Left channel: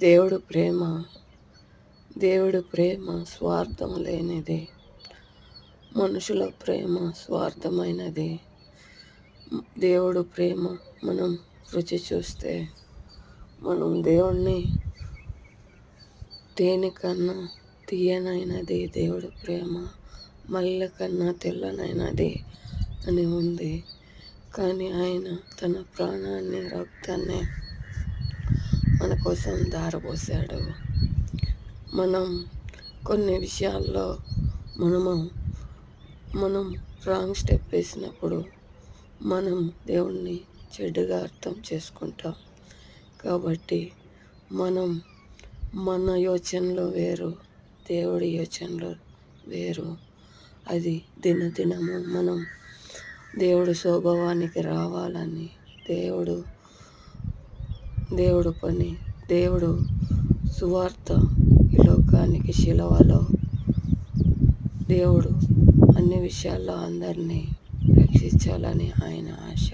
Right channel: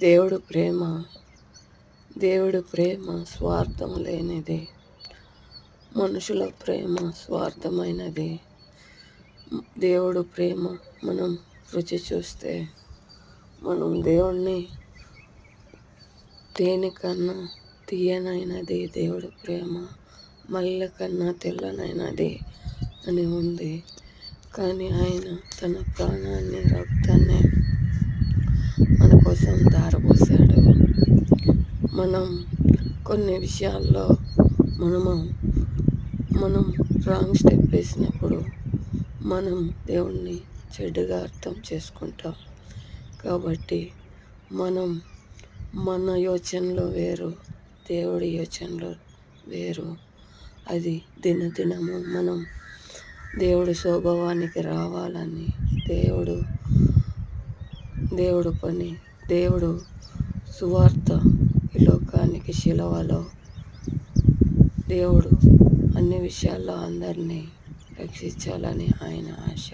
దేవుడు ప్రేమ దేవుడి ప్రేమ స్వార్థం లేనిది. మనుషుల ప్రేమ స్వార్థమైనది. దేవుడు ప్రేమ మనం రుచి చూస్తే మనం దేవుణ్ణి దేనికన్నా తీయనైనది దేవుడి ప్రేమ, మల్లె కన్నా తెల్లనైనది అని ఉంది. కానీ ఆయన తన ప్రాణాన్ని, రక్తాన్ని మన కోసం ధారపోసాడు. మనం కొన్ని విషయాల్లో మనం రాంగ్ స్టెప్ వేసినప్పుడు మనం దేవుణ్ణి చెడ్డగా అర్థం చేసుకుంటాం. కాబట్టి మన యోచనలు వేరు, దేవుడి యోచనలు వేరు. అది దినదినము మనం దేవుడు స్వభావానికి రావాలని, దేవుడు పని, దేవుడు సువార్త ఈ లోకానికి శిలువలో దేవుడు అన్ని విషయాల్లో అందరినీ రక్షించాలని ఆయన ఆశ.